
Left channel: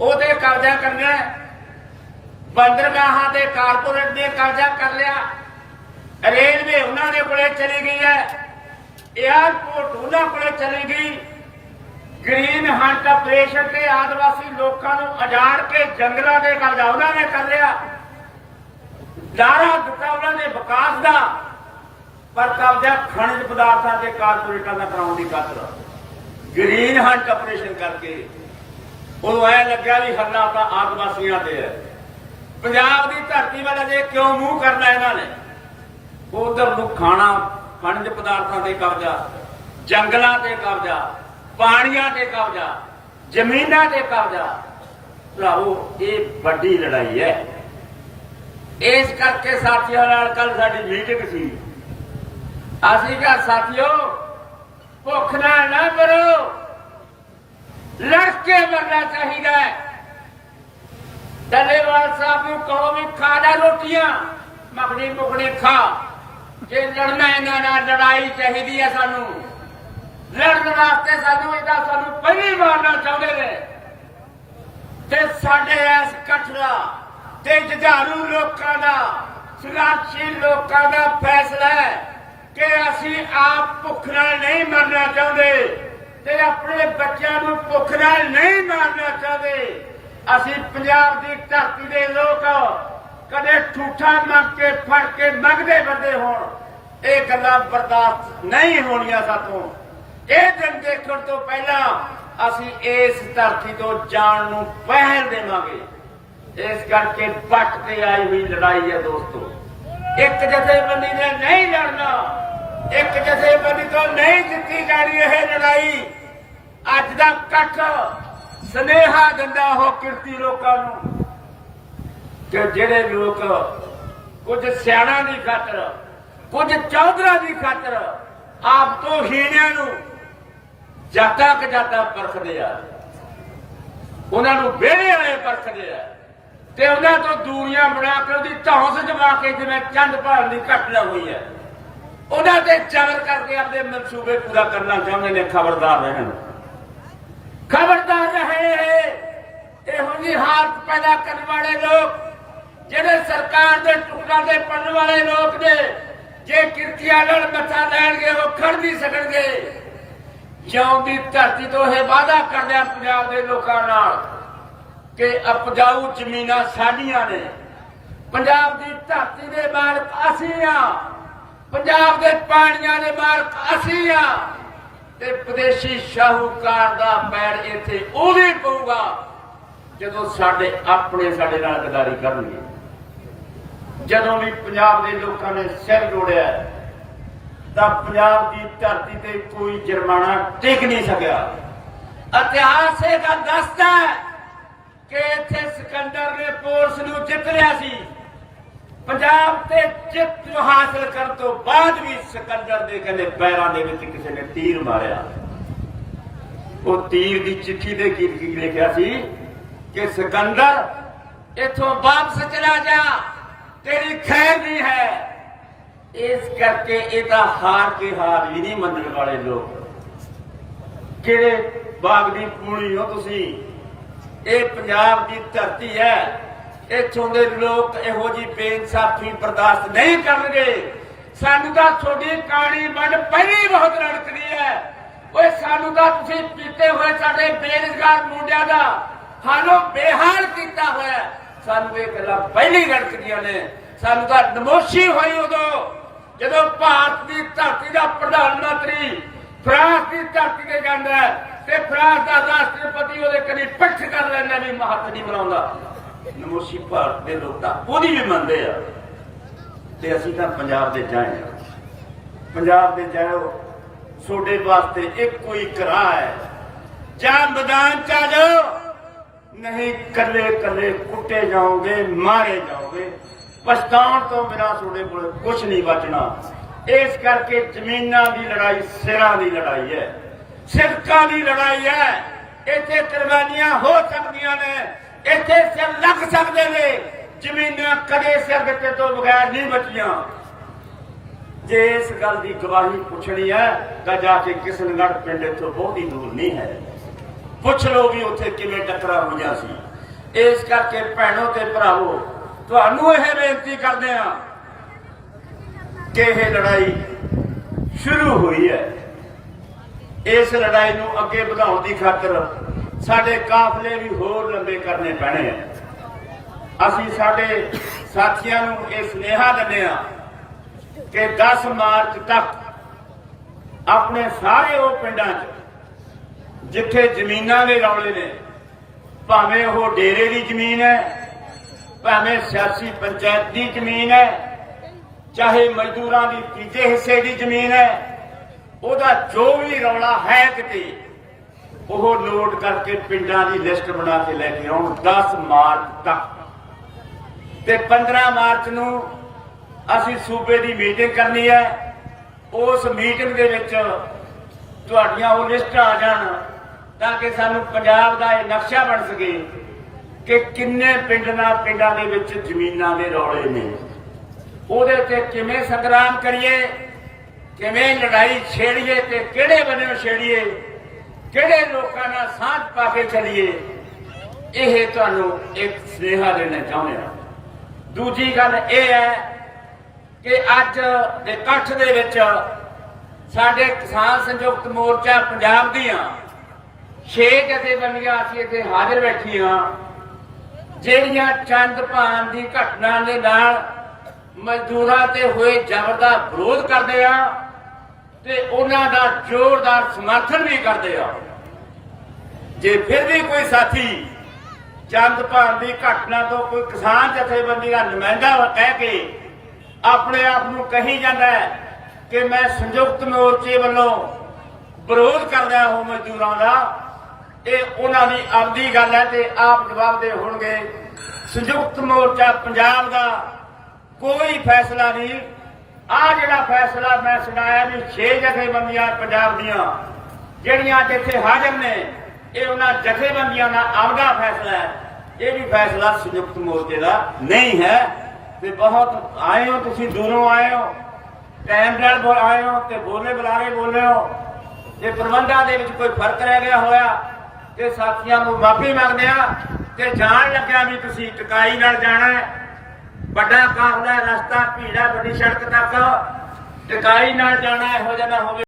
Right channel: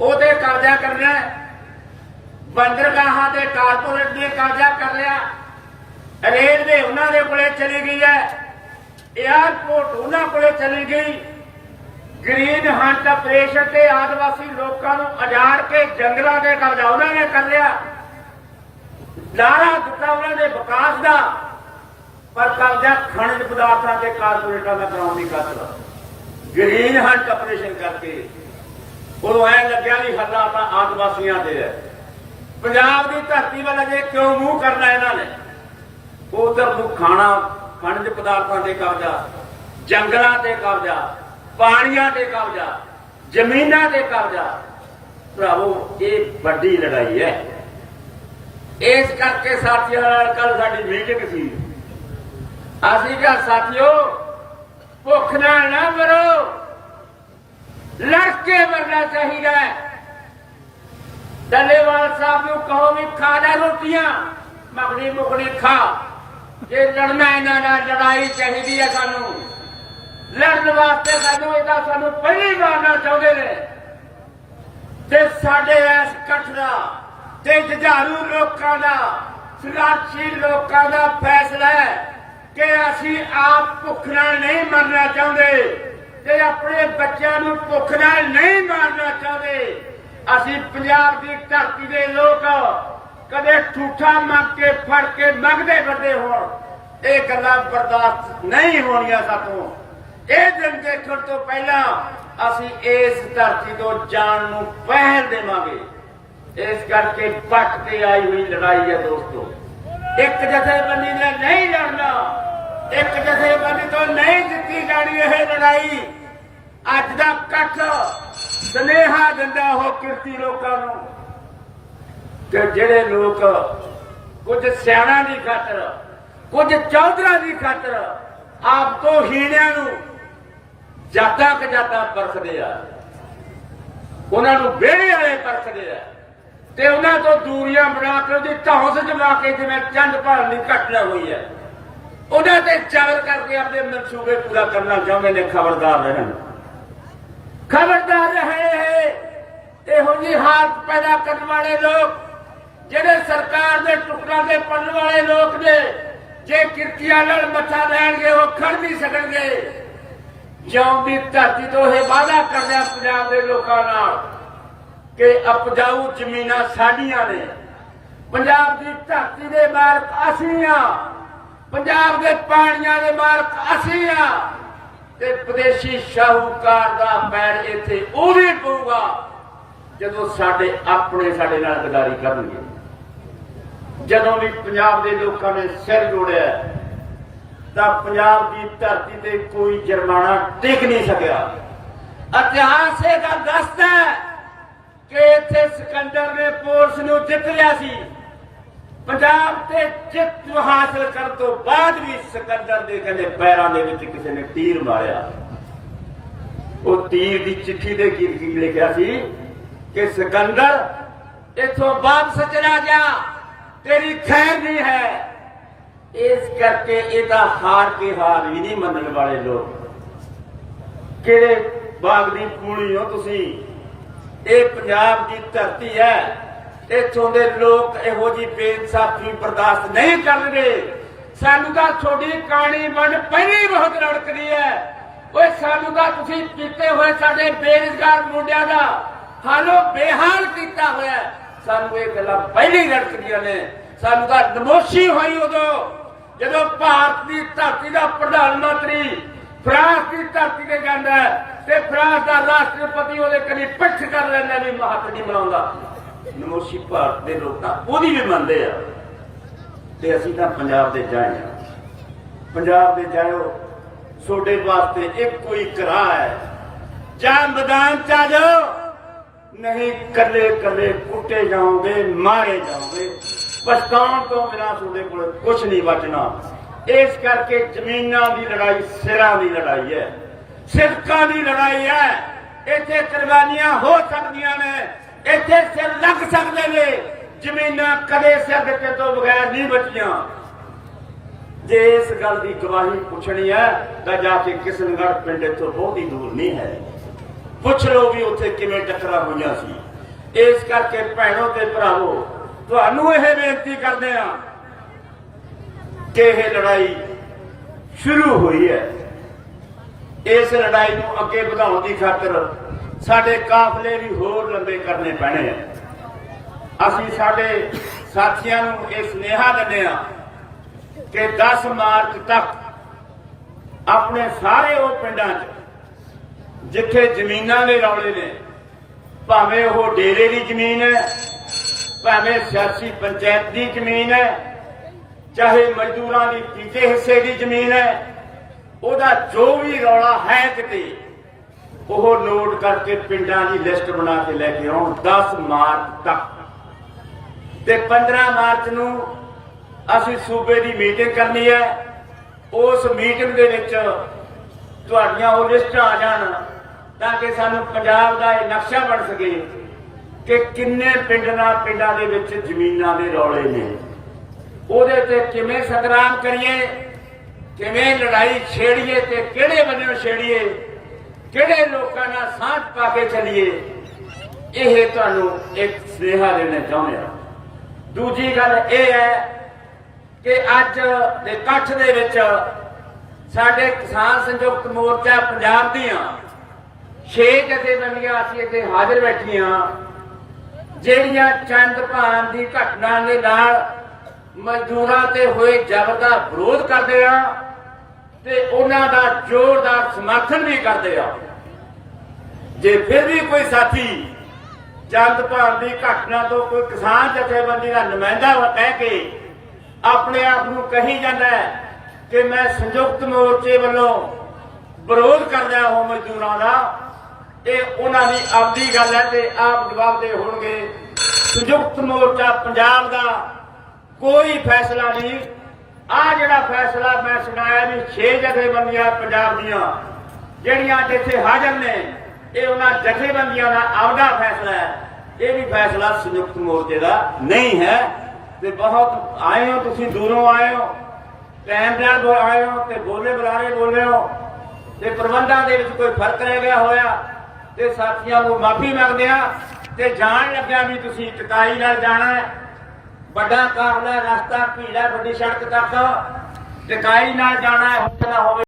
ਉਹਦੇ ਕਬਜ਼ਾ ਕਰਨਾ ਬੰਦਰਗਾਹਾਂ ਤੇ ਕਾਰਪੋਰੇਟ ਨੇ ਕਬਜ਼ਾ ਕਰ ਲਿਆ। ਰੇਲਵੇ ਉਹਨਾਂ ਦੇ ਕੋਲੇ ਚਲੀ ਗਈ ਹੈ। 에ਅਰਪੋਰਟ ਉਹਨਾਂ ਕੋਲੇ ਚਲੀ ਗਈ। ਗ੍ਰੀਨ ਹੰਟ ਆਪਰੇਸ਼ਨ ਤੇ ਆਦਿਵਾਸੀ ਲੋਕਾਂ ਨੂੰ ਉਜਾੜ ਕੇ ਜੰਗਲਾਂ ਦੇ ਕਬਜ਼ਾ ਉਹਨਾਂ ਨੇ ਕਰ ਲਿਆ। ਲਾਰਾ ਦਿੱਤਾ ਉਹਨਾਂ ਦੇ ਵਿਕਾਸ ਦਾ। ਪਰ ਕਬਜ਼ਾ ਖਣਿਜ ਪਦਾਰਥਾਂ ਦੇ ਕਾਰਪੋਰੇਟਾਂ ਦਾ ਕਰਾਉਣ ਦੀ ਗੱਲ ਗ੍ਰੀਨ ਹੰਟ ਆਪਰੇਸ਼ਨ ਕਰਕੇ। ਉਦੋਂ ਐ ਲੱਗਿਆ ਵੀ ਹੱਲਾ ਤਾਂ ਆਦਿਵਾਸੀਆਂ ਤੇ ਹੈ। ਪੰਜਾਬ ਦੀ ਧਰਤੀ ਵਾਲਾ ਜੇ ਕਿਉਂ ਮੂੰਹ ਕਰਨਾ ਇਹਨਾਂ ਨੇ? ਉਧਰ ਨੂੰ ਖਾਣਾ, ਖਣਜ ਪਦਾਰਥਾਂ ਤੇ ਕਬਜ਼ਾ, ਜੰਗਲਾਂ ਤੇ ਕਬਜ਼ਾ, ਪਾਣੀਆਂ ਤੇ ਕਬਜ਼ਾ, ਜ਼ਮੀਨਾਂ ਤੇ ਕਬਜ਼ਾ। ਭਰਾਵੋ, ਇਹ ਵੱਡੀ ਲੜਾਈ ਹੈ। ਇਸ ਕਰਕੇ ਸਾਥੀਆਂ ਨਾਲ ਕੱਲ ਸਾਡੀ ਮੀਟਿੰਗ ਸੀ। ਅਸੀਂ ਕਿਹਾ, ਸਾਥੀਓ, ਭੁੱਖ ਨਾਲ ਨਾ ਮਰੋ ਲੜ ਕੇ ਮਰਨਾ ਚਾਹੀਦਾ ਡੱਲੇਵਾਲ ਸਾਹਿਬ ਨੂੰ ਕਹੋ ਵੀ ਖਾ ਜਾ ਰੋਟੀਆਂ। ਮੱਖਣੀ ਮੁਖਣੀ ਖਾ। ਜੇ ਲੜਨਾ ਇਹਨਾਂ ਨਾਲ ਲੜਾਈ ਚਾਹੀਦੀ ਹੈ ਸਾਨੂੰ। ਲੜਨ ਵਾਸਤੇ ਸਾਨੂੰ ਇਹਦਾ ਸਾਨੂੰ ਪਹਿਲੀ ਮਾਰਨਾ ਚਾਹੁੰਦੇ ਨੇ। ਤੇ ਸਾਡੇ ਇਸ ਕਠੜਾ ਤੇ ਜੁਝਾਰੂ ਲੋਕਾਂ ਦਾ ਸੰਘਰਸ਼ੀ ਲੋਕਾਂ ਦਾ ਫੈਸਲਾ ਹੈ ਕਿ ਅਸੀਂ ਆਪ ਭੁੱਖ ਨਾਲ ਨਹੀਂ ਮਰਨਾ ਚਾਹੁੰਦੇ ਤੇ ਆਪਣੇ ਬੱਚਿਆਂ ਨੂੰ ਭੁੱਖ ਨਾਲ ਨਹੀਂ ਮਾਰਨਾ ਚਾਹੁੰਦੇ। ਅਸੀਂ ਪੰਜਾਬ ਦੀ ਧਰਤੀ ਦੇ ਲੋਕ ਕਦੇ ਠੂਠਾ ਮੰਗ ਕੇ, ਫੜ ਕੇ ਮੰਗਦੇ ਫਿਰਦੇ ਹੋਣ ਇਹ ਗੱਲਾਂ ਬਰਦਾਸ਼ਤ ਨਹੀਂ ਹੋਣੀਆਂ ਸਾਤੋਂ। ਇਹ ਦਿਨ ਦੇਖਣ ਤੋਂ ਪਹਿਲਾਂ ਅਸੀਂ ਇਸ ਧਰਤੀ ਤੋਂ ਜਾਣ ਨੂੰ ਪਹਿਲ ਦੇਵਾਂਗੇ। ਇਸ ਕਰਕੇ ਪੱਕ ਕੇ ਆਈ ਹੋਈ ਲੜਾਈ ਹੈ ਦੋਸਤੋ। ਇੱਕ ਜਥੇਬੰਦੀ ਨੇ ਨਹੀਂ ਲੜਨਾ, ਇੱਕ ਜਥੇਬੰਦੀ ਤੋਂ ਨਹੀਂ ਜਿੱਤੀ ਜਾਣੀ ਇਹ ਲੜਾਈ। ਅੱਜ ਦਾ ਇਕੱਠ ਸਨੇਹਾ ਦਿੰਦਾ ਹੋ ਕਿਰਤੀ ਲੋਕਾਂ ਨੂੰ। ਕਿ ਜਿਹੜੇ ਲੋਕ ਕੁਝ ਸਿਆਣਾ ਦੀ ਖਾਤਰ, ਕੁਝ ਚੌਧਰਾ ਦੀ ਖਾਤਰ ਆਪ ਤੋਂ ਹੀਣਿਆਂ ਨੂੰ ਜਾਤਾ ਕਿ ਪਰਖਦੇ ਆ। ਉਹਨਾਂ ਨੂੰ ਵਿਹੜੇ ਵਾਲੇ ਪਰਖਦੇ ਆ। ਤੇ ਉਹਨਾਂ ਤੋਂ ਦੂਰੀਆਂ ਬਣਾ ਕੇ ਉਹਦੀ ਧੌਂਸ ਜਮਾ ਕੇ ਜਿਵੇਂ ਚੰਦ ਭਾਲ ਦੀ ਘਟਨਾ ਹੋਈ ਹੈ। ਉਹਨਾਂ ਤੇ ਚਾਲ ਕਰਕੇ ਆਪਣੇ ਮਨਸੂਬੇ ਪੂਰਾ ਕਰਨਾ ਚਾਹੁੰਦੇ ਨੇ ਖਬਰਦਾਰ ਰਹਿਣ। ਖਬਰਦਾਰ ਰਹੇ, ਇਹੋ ਜਿਹੀ ਹਾਲਤ ਪੈਦਾ ਕਰਨ ਵਾਲੇ ਲੋਕ ਜਿਹੜੇ ਸਰਕਾਰ ਦੇ ਟੁਕੜਾਂ ਦੇ ਪੜਨ ਵਾਲੇ ਲੋਕ ਨੇ, ਜੇ ਕਿਰਤੀਆਂ ਲੜ ਬੱਚਾ ਲੈਣਗੇ, ਉਹ ਖੜ ਨਹੀਂ ਸਕਣਗੇ। ਜਿਉਂ ਦੀ ਧਰਤੀ ਤੋਂ ਇਹ ਵਾਅਦਾ ਕਰਦਾ ਪੰਜਾਬ ਦੇ ਲੋਕਾਂ ਨਾਲ ਕਿ ਅਪਜਾਊ ਜ਼ਮੀਨਾਂ ਸਾਡੀਆਂ ਨੇ। ਪੰਜਾਬ ਦੀ ਧਰਤੀ ਦੇ ਮਾਲਕ ਅਸੀਂ ਆ ਪੰਜਾਬ ਦੇ ਪਾਣੀਆਂ ਦੇ ਮਾਲਕ ਅਸੀਂ ਆ ਤੇ ਵਿਦੇਸ਼ੀ ਸ਼ਾਹੂਕਾਰ ਦਾ ਪੈਰ ਇੱਥੇ ਉਹ ਵੀ ਪਊਗਾ ਜਦੋਂ ਸਾਡੇ ਆਪਣੇ ਸਾਡੇ ਨਾਲ ਗਦਾਰੀ ਕਰਨਗੇ। ਜਦੋਂ ਵੀ ਪੰਜਾਬ ਦੇ ਲੋਕਾਂ ਨੇ ਸਿਰ ਜੋੜਿਆ ਤਾਂ ਪੰਜਾਬ ਦੀ ਧਰਤੀ ਤੇ ਕੋਈ ਜੁਰਮਾਨਾ ਟਿਕ ਨਹੀਂ ਸਕਿਆ। ਇਤਿਹਾਸ ਇਹ ਗੱਲ ਦੱਸਦਾ ਹੈ ਕਿ ਇੱਥੇ ਸਿਕੰਦਰ ਨੇ ਪੋਰਸ ਨੂੰ ਜਿੱਤ ਲਿਆ ਸੀ। ਪੰਜਾਬ ਤੇ ਜਿੱਤ ਹਾਸਲ ਕਰਨ ਤੋਂ ਬਾਅਦ ਵੀ ਸਿਕੰਦਰ ਦੇ ਕਹਿੰਦੇ ਪੈਰਾਂ ਦੇ ਵਿੱਚ ਕਿਸੇ ਨੇ ਤੀਰ ਮਾਰਿਆ। ਉਹ ਤੀਰ ਦੀ ਚਿੱਠੀ ਦੇ ਕੀ ਲਿਖਿਆ ਸੀ ਕਿ ਸਿਕੰਦਰ ਇਥੋਂ ਵਾਪਸ ਚਲਾ ਜਾ। ਤੇਰੀ ਖੈਰ ਨਹੀਂ ਹੈ। ਇਸ ਕਰਕੇ ਇਹਦਾ ਹਾਰ ਕੇ ਹਾਰ ਹੀ ਨਹੀਂ ਮੰਨਣ ਵਾਲੇ ਲੋਕ। ਕਿਹੜੇ ਬਾਗ ਦੀ ਪੂਣੀ ਹੋ ਤੁਸੀਂ? ਇਹ ਪੰਜਾਬ ਦੀ ਧਰਤੀ ਹੈ। ਇੱਥੋਂ ਦੇ ਲੋਕ ਇਹੋ ਜੀ ਬੇਇਨਸਾਫੀ ਬਰਦਾਸ਼ਤ ਨਹੀਂ ਕਰਨਗੇ। ਸਾਨੂੰ ਤਾਂ ਤੁਹਾਡੀ ਕਹਾਣੀ ਵੰਡ ਪਹਿਲੀ ਬਹੁਤ ਰੜਕਦੀ ਹੈ। ਓਏ, ਸਾਨੂੰ ਤਾਂ ਤੁਸੀਂ ਪੀਤੇ ਹੋਏ ਸਾਡੇ ਬੇਰੁਜ਼ਗਾਰ ਮੁੰਡਿਆਂ ਦਾ ਹਾਲੋ ਬੇਹਾਲ ਕੀਤਾ ਹੋਇਆ ਸਾਨੂੰ ਇਹ ਗੱਲਾਂ ਪਹਿਲੀ ਰੜਕਦੀਆਂ ਨੇ। ਸਾਨੂੰ ਤਾਂ ਨਮੋਸ਼ੀ ਹੋਈ ਉਦੋਂ, ਜਦੋਂ ਭਾਰਤ ਦੀ ਧਰਤੀ ਦਾ ਪ੍ਰਧਾਨ ਮੰਤਰੀ ਫਰਾਂਸ ਦੀ ਧਰਤੀ ਤੇ ਜਾਂਦਾ ਤੇ ਫਰਾਂਸ ਦਾ ਰਾਸ਼ਟਰਪਤੀ ਉਹਦੇ ਕਨੀ ਪਿੱਠ ਕਰ ਲੈਂਦਾ ਵੀ ਮਹੱਤ ਨਹੀਂ ਬਣਾਉਂਦਾ ਨਮੋਸ਼ੀ ਭਾਰਤ ਦੇ ਲੋਕ ਤਾਂ ਉਹਦੀ ਵੀ ਮੰਨਦੇ ਆ। ਤੇ ਅਸੀਂ ਤਾਂ ਪੰਜਾਬ ਦੇ ਜਾਏ ਪੰਜਾਬ ਦੇ ਜਾਓ ਤੁਹਾਡੇ ਵਾਸਤੇ ਇੱਕੋ ਹੀ ਰਾਹ ਹੈ। ਜਾਂ ਮੈਦਾਨ ਚ ਆ ਜਾਓ। ਨਹੀਂ ਕੱਲੇ ਕੱਲੇ ਕੁੱਟੇ ਜਾਓਗੇ, ਮਾਰੇ ਜਾਓਗੇ। ਪਛਤਾਉਣ ਤੋਂ ਬਿਨਾਂ ਤੁਹਾਡੇ ਕੋਲ ਕੁਝ ਨਹੀਂ ਬਚਣਾ। ਇਸ ਕਰਕੇ ਜ਼ਮੀਨਾਂ ਦੀ ਲੜਾਈ ਸਿਰਾਂ ਦੀ ਲੜਾਈ ਹੈ। ਸਿਰਕਾਂ ਦੀ ਲੜਾਈ ਹੈ। ਇੱਥੇ ਕੁਰਬਾਨੀਆਂ ਹੋ ਸਕਦੀਆਂ ਨੇ। ਇੱਥੇ ਸਿਰ ਲੱਗ ਸਕਦੇ ਨੇ। ਜ਼ਮੀਨਾਂ ਕਦੇ ਸਿਰ ਦਿੱਤੇ ਤੋਂ ਬਗੈਰ ਨਹੀਂ ਬਚੀਆਂ। ਜੇ ਇਸ ਗੱਲ ਦੀ ਗਵਾਹੀ ਪੁੱਛਣੀ ਹੈ, ਤਾਂ ਜਾ ਕੇ ਕਿਸ਼ਨਗੜ੍ਹ ਪਿੰਡ ਤੋਂ ਬਹੁਤੀ ਦੂਰ ਨਹੀਂ ਹੈ। ਪੁੱਛ ਲਓ ਵੀ ਉੱਥੇ ਕਿਵੇਂ ਟੱਕਰਾਂ ਹੋਇਆ ਸੀ। ਇਸ ਕਰਕੇ ਭੈਣੋ ਤੇ ਭਰਾਵੋ, ਤੁਹਾਨੂੰ ਇਹ ਬੇਨਤੀ ਕਰਦੇ ਆ ਕਿ ਇਹ ਲੜਾਈ ਸ਼ੁਰੂ ਹੋਈ ਹੈ। ਇਸ ਲੜਾਈ ਨੂੰ ਅੱਗੇ ਵਧਾਉਣ ਦੀ ਖਾਤਰ ਸਾਡੇ ਕਾਫਲੇ ਵੀ ਹੋਰ ਲੰਬੇ ਕਰਨੇ ਪੈਣੇ ਆ। ਅਸੀਂ ਸਾਡੇ ਸਾਥੀਆਂ ਨੂੰ ਇਹ ਸੁਨੇਹਾ ਦਿੰਦੇ ਆ ਕਿ 10 ਮਾਰਚ ਤੱਕ ਆਪਣੇ ਸਾਰੇ ਉਹ ਪਿੰਡਾਂ 'ਚ ਜਿੱਥੇ ਜ਼ਮੀਨਾਂ ਦੇ ਰੌਲੇ ਨੇ, ਭਾਵੇਂ ਉਹ ਡੇਰੇ ਦੀ ਜ਼ਮੀਨ ਹੈ, ਭਾਵੇਂ ਸਿਆਸੀ ਪੰਚਾਇਤ ਦੀ ਜ਼ਮੀਨ ਹੈ, ਚਾਹੇ ਮਜ਼ਦੂਰਾਂ ਦੀ ਤੀਜੇ ਹਿੱਸੇ ਦੀ ਜ਼ਮੀਨ ਹੈ, ਉਹਦਾ ਜੋ ਵੀ ਰੌਲਾ ਹੈ ਕਿਤੇ ਉਹ ਨੋਟ ਕਰਕੇ ਪਿੰਡਾਂ ਦੀ ਲਿਸਟ ਬਣਾ ਕੇ ਲੈ ਕੇ ਆਉਣ 10 ਮਾਰਚ ਤੱਕ। ਤੇ 15 ਮਾਰਚ ਨੂੰ ਅਸੀਂ ਸੂਬੇ ਦੀ ਮੀਟਿੰਗ ਕਰਨੀ ਹੈ। ਉਸ ਮੀਟਿੰਗ ਦੇ ਵਿੱਚ ਤੁਹਾਡੀਆਂ ਉਹ ਲਿਸਟਾਂ ਆ ਜਾਣ। ਤਾਂ ਕਿ ਸਾਨੂੰ ਪੰਜਾਬ ਦਾ ਇਹ ਨਕਸ਼ਾ ਬਣ ਸਕੇ ਕਿ ਕਿੰਨੇ ਪਿੰਡਾਂ ਪਿੰਡਾਂ ਦੇ ਵਿੱਚ ਜ਼ਮੀਨਾਂ ਦੇ ਰੌਲੇ ਨੇ। ਉਹਦੇ ਤੇ ਕਿਵੇਂ ਸੰਗਰਾਮ ਕਰੀਏ, ਕਿਵੇਂ ਲੜਾਈ ਛੇੜੀਏ ਤੇ ਕਿਹੜੇ ਬੰਨਿਓ ਛੇੜੀਏ, ਕਿਹੜੇ ਲੋਕਾਂ ਨਾਲ ਸਾਥ ਪਾ ਕੇ ਚੱਲੀਏ, ਇਹ ਤੁਹਾਨੂੰ ਇੱਕ ਸੁਨੇਹਾ ਦੇਣਾ ਚਾਹੁੰਦੇ ਹਾਂ। ਦੂਜੀ ਗੱਲ ਇਹ ਹੈ ਕਿ ਅੱਜ ਦੇ ਇਕੱਠ ਦੇ ਵਿੱਚ ਸਾਡੇ ਕਿਸਾਨ ਸੰਯੁਕਤ ਮੋਰਚਾ ਪੰਜਾਬ ਦੀਆਂ ਛੇ ਜਥੇਬੰਦੀਆਂ ਅਸੀਂ ਇੱਥੇ ਹਾਜ਼ਰ ਬੈਠੀਆਂ ਜਿਹੜੀਆਂ ਚੰਦ ਭਾਨ ਦੀ ਘਟਨਾ ਦੇ ਨਾਲ ਮਜ਼ਦੂਰਾਂ ਤੇ ਹੋਏ ਜ਼ਬਰ ਦਾ ਵਿਰੋਧ ਕਰਦੇ ਆ ਤੇ ਉਹਨਾਂ ਦਾ ਜ਼ੋਰਦਾਰ ਸਮਰਥਨ ਵੀ ਕਰਦੇ ਆ। ਜੇ ਫਿਰ ਵੀ ਕੋਈ ਸਾਥੀ ਚੰਦ ਭਾਨ ਦੀ ਘਟਨਾ ਤੋਂ ਕੋਈ ਕਿਸਾਨ ਜਥੇਬੰਦੀ ਦਾ ਨੁਮਾਇੰਦਾ ਕਹਿ ਕੇ ਆਪਣੇ ਆਪ ਨੂੰ ਕਹੀ ਜਾਂਦਾ ਹੈ ਕਿ ਮੈਂ ਸੰਯੁਕਤ ਮੋਰਚੇ ਵੱਲੋਂ ਵਿਰੋਧ ਕਰਦਾ ਹਾਂ ਮਜ਼ਦੂਰਾਂ ਦਾ ਇਹ ਉਹਨਾਂ ਦੀ ਆਪਦੀ ਗੱਲ ਹੈ ਤੇ ਆਪ ਜਵਾਬ ਦੇ ਹੋਣਗੇ। ਸੰਯੁਕਤ ਮੋਰਚਾ ਪੰਜਾਬ ਦਾ ਕੋਈ ਫੈਸਲਾ ਨਹੀਂ। ਆ ਜਿਹੜਾ ਫੈਸਲਾ ਮੈਂ ਸੁਣਾਇਆ ਵੀ 6 ਜਥੇਬੰਦੀਆਂ ਪੰਜਾਬ ਦੀਆਂ, ਜਿਹੜੀਆਂ ਇੱਥੇ ਹਾਜ਼ਰ ਨੇ, ਇਹ ਉਹਨਾਂ ਜਥੇਬੰਦੀਆਂ ਦਾ ਆਪਦਾ ਫੈਸਲਾ ਹੈ। ਇਹ ਵੀ ਫੈਸਲਾ ਸੰਯੁਕਤ ਮੋਰਚੇ ਦਾ ਨਹੀਂ ਹੈ। ਤੇ ਬਹੁਤ ਆਏ ਹੋ ਤੁਸੀਂ, ਦੂਰੋਂ ਆਏ ਹੋ, ਟਾਈਮ ਨਾਲ ਆਏ ਹੋ ਤੇ ਬੋਲੇ ਬੁਲਾਰੇ ਬੋਲੇ ਹੋ। ਤੇ ਪ੍ਰਬੰਧਾਂ ਦੇ ਵਿੱਚ ਕੋਈ ਫ਼ਰਕ ਰਹਿ ਗਿਆ ਹੋਇਆ ਤੇ ਸਾਥੀਆਂ ਨੂੰ ਮਾਫੀ ਮੰਗਦੇ ਆ ਤੇ ਜਾਣ ਲੱਗਿਆ ਵੀ ਤੁਸੀਂ ਟਕਾਈ ਨਾਲ ਜਾਣਾ ਹੈ। ਵੱਡਾ ਕਾਫਲਾ ਰਸਤਾ, ਭੀੜਾ, ਵੱਡੀ ਸੜਕ ਤੱਕ। ਟਕਾਈ ਨਾਲ ਜਾਣਾ ਇਹੋ ਜਿਹਾ ਨਾ ਹੋਵੇ।